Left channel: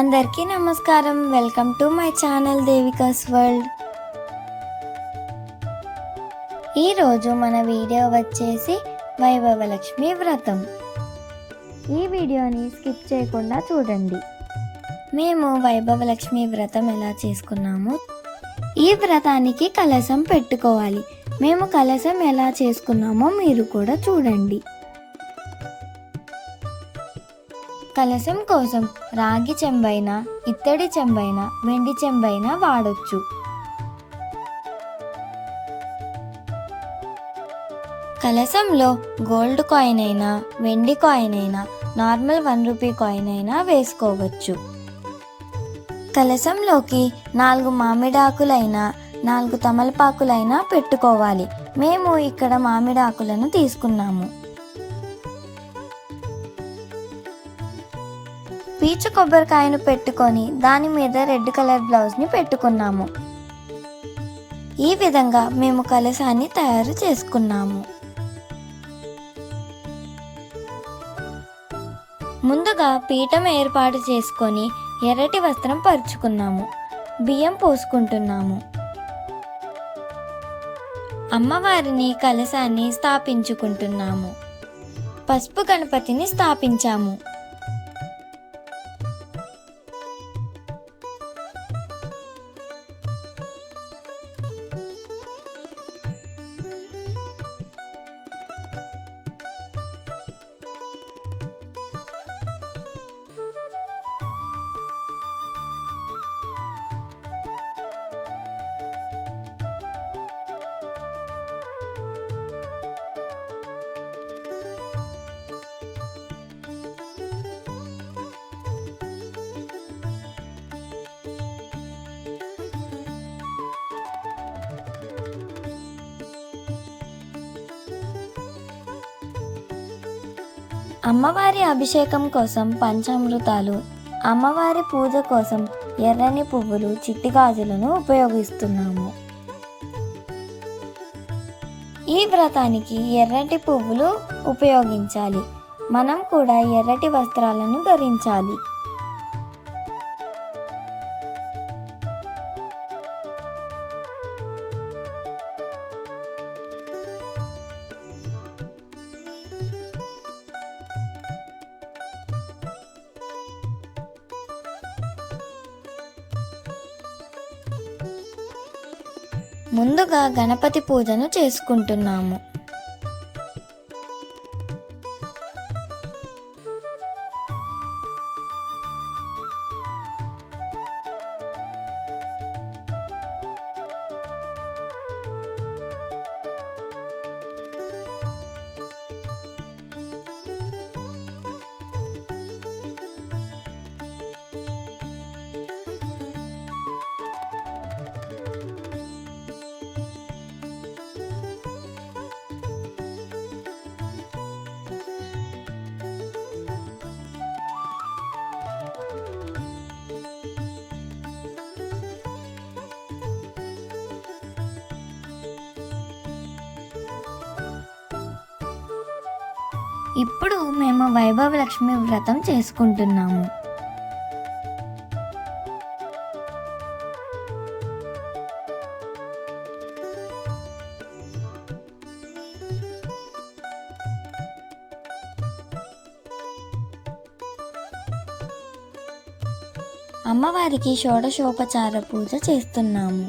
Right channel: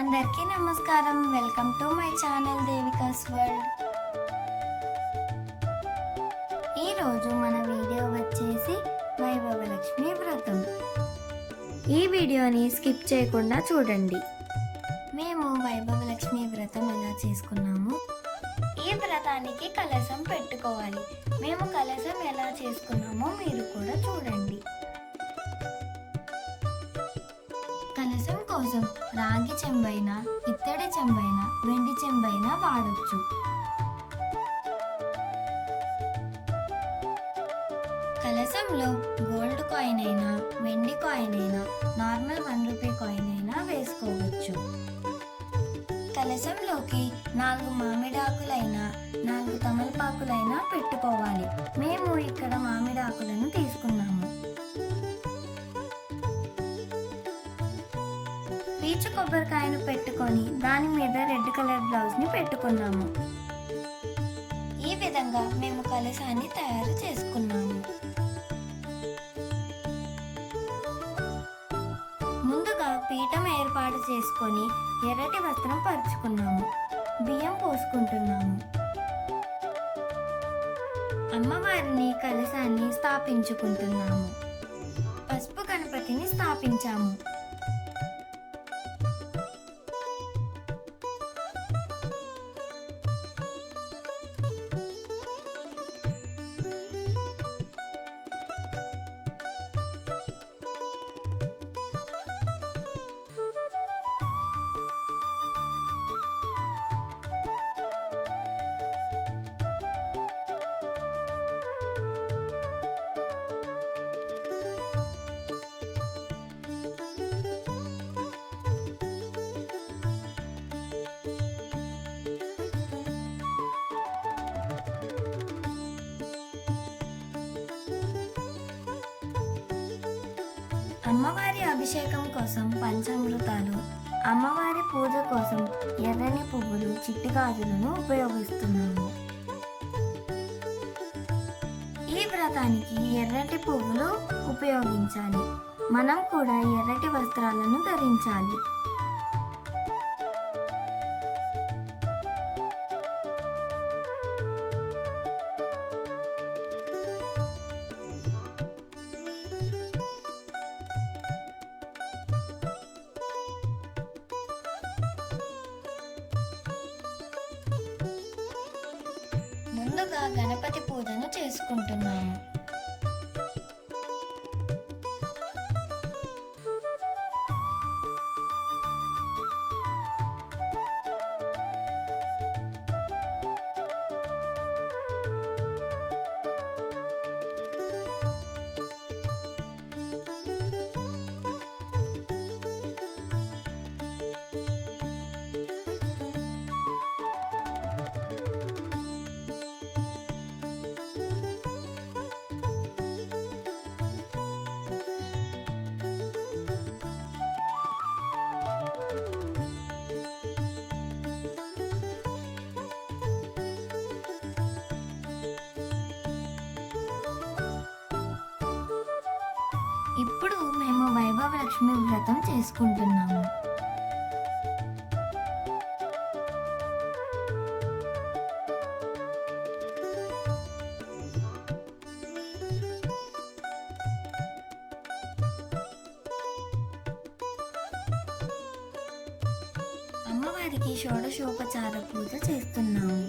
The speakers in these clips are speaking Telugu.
అందరికీ నమస్కారం. Welcome to my channel దేవికాస్ world. ఈరోజు మన వీడియో వచ్చేసి వైభవలక్ష్మి వ్రతం. ఈ వీడియోని స్కిప్ చేయకుండా చూడండి. మేము వైభవలక్ష్మి వ్రతం ఎలా చేసుకున్నాము, ఈ వ్రతానికి కలశం పెట్టుకోవాలి. మేము కలశం ఎలా చేసుకున్నామో మీరు కూడా చూడండి. కలశం కోసం రాగి చెంబైనా, ఇత్తడి చెంబైనా, వెండి చెంబైనా వాడొచ్చు. కలశంలో గోల్డ్ కాయిన్ అయినా, వెండి కాయిన్ అయినా, నార్మల్ 1 రూపీ కాయిన్ అయినా వేసుకోవచ్చు. కలశంలోకి 4 మామిడాకులైనా 4 తమలపాకులైనా పెట్టుకోవాలి. మేము ఇక్కడ మామిడాకులను తీసుకున్నాము. పీచు కొబ్బరికాయను పెట్టుకొని దాని మీద రెడ్ కలర్ బ్లౌజ్ని పెట్టుకున్నాము. ఈ విధంగా మేము కలశాన్ని తయారు చేసుకున్నాము. ముందుగా పీఠం ఏర్పాటు చేసుకొని ఎర్రటి వస్త్రం పరుచుకున్నాము. బియ్యం పోసుకుంటున్నాము. అమ్మవారిని కలశాన్ని స్థాపించుకుంటున్నాము. పసుపు గణపతిని స్థాపించాము. అమ్మవారి అభిషేకం కోసం పంచామృతాలు, అమ్మవారి పూజ కోసం ఎర్రని పువ్వులు, చిట్టి గాజులను ఉపయోగిస్తున్నాము. ఈ వ్రతానికి ఎర్రటి పువ్వులు ఉపయోగించాలి. మనం కూడా ఎర్రటి వస్త్రాలను ధరించాలి. ముందుగా గణపతి పూజను చేసుకుంటున్నాము. ఇప్పుడు మేము వైభవలక్ష్మి వ్రతం చేసుకుంటున్నాము. అమ్మవారికి షోడశోపచార పూజ చేస్తున్నాము.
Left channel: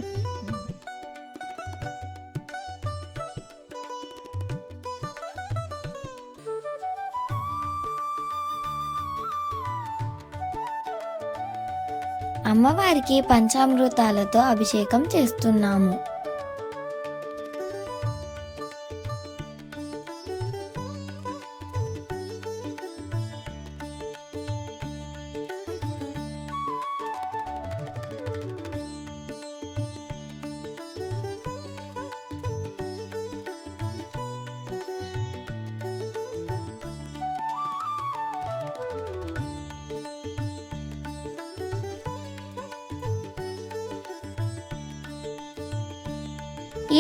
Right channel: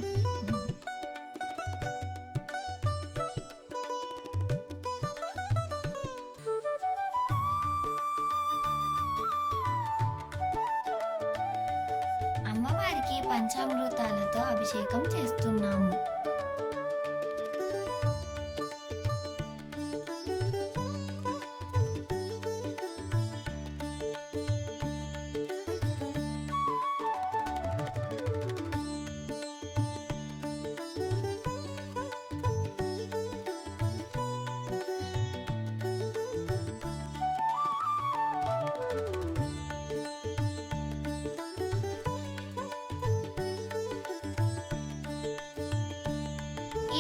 అమ్మవారికి పంచామృతాలతో అభిషేకం చేస్తున్నాము.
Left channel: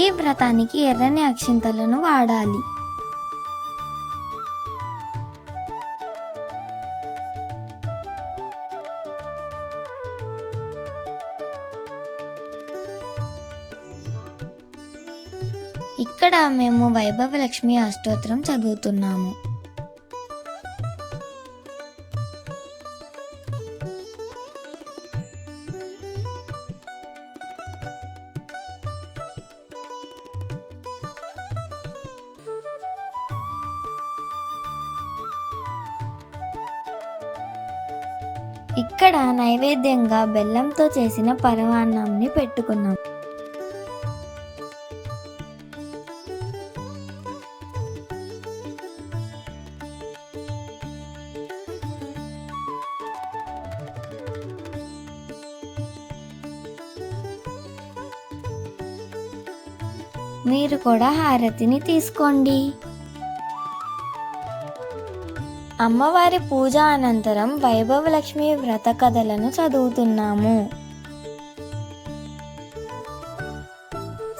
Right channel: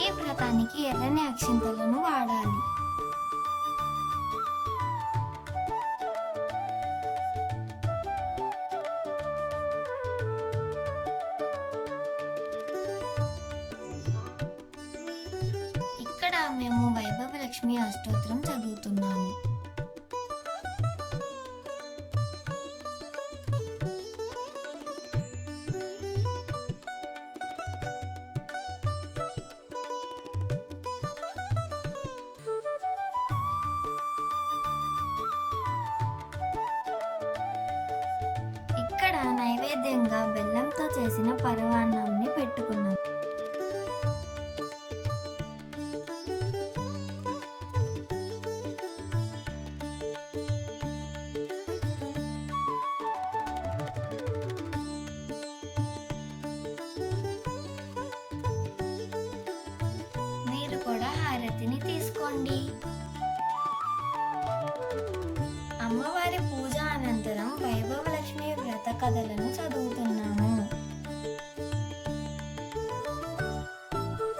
ఈ వ్రతానికి ఎర్రని అక్షింతలను వాడాలి. ఇక్కడ మేము వైభవలక్ష్మి అష్టోత్తరం చదువుతున్నాము. ఇక్కడ నైవేద్యంగా బెల్లంతో చేసిన పరమాన్నాన్ని పెట్టుకున్నాం. మీరు కూడా హారతిని తీసుకోండి. అమ్మవారి పూజ అనంతరం వైభవలక్ష్మి వ్రత కథలను చదువుతున్నాము.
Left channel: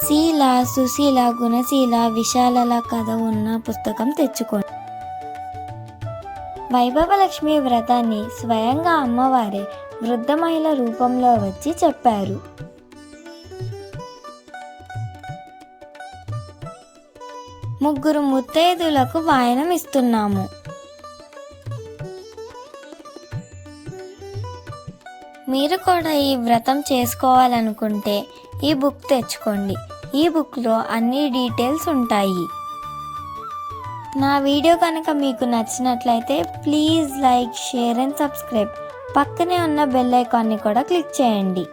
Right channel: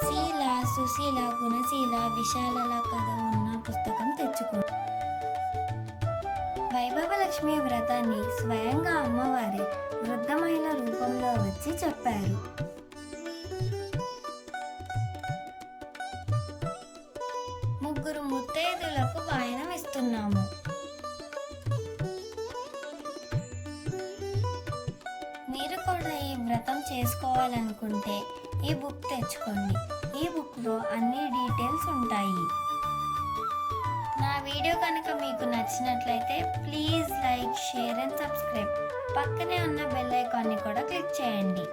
శీల, సుశీల, గుణశీల, విశాలల కథ ఉన్న పుస్తకం తెచ్చుకోండి. వైభవలక్ష్మి వ్రతాన్ని స్వయంగా అమ్మవారి వృద్ధ మహిళ రూపంలో వచ్చి చెప్పారు. ముగ్గురు ముత్తైదులకు వాయనం ఇస్తున్నాము. మీరు కూడా ఈ వ్రతం చేసుకోవాలనుకుంటే ఈ బుక్ తెచ్చుకోండి. ఈ బుక్లో అన్ని డీటెయిల్స్ ఉంటాయి. నా వీడియో కనుక మీకు నచ్చినట్లయితే please like, share and subscribe. పక్కనే ఉన్న బెల్ ఐకాన్ని కూడా క్లిక్ చేయండి.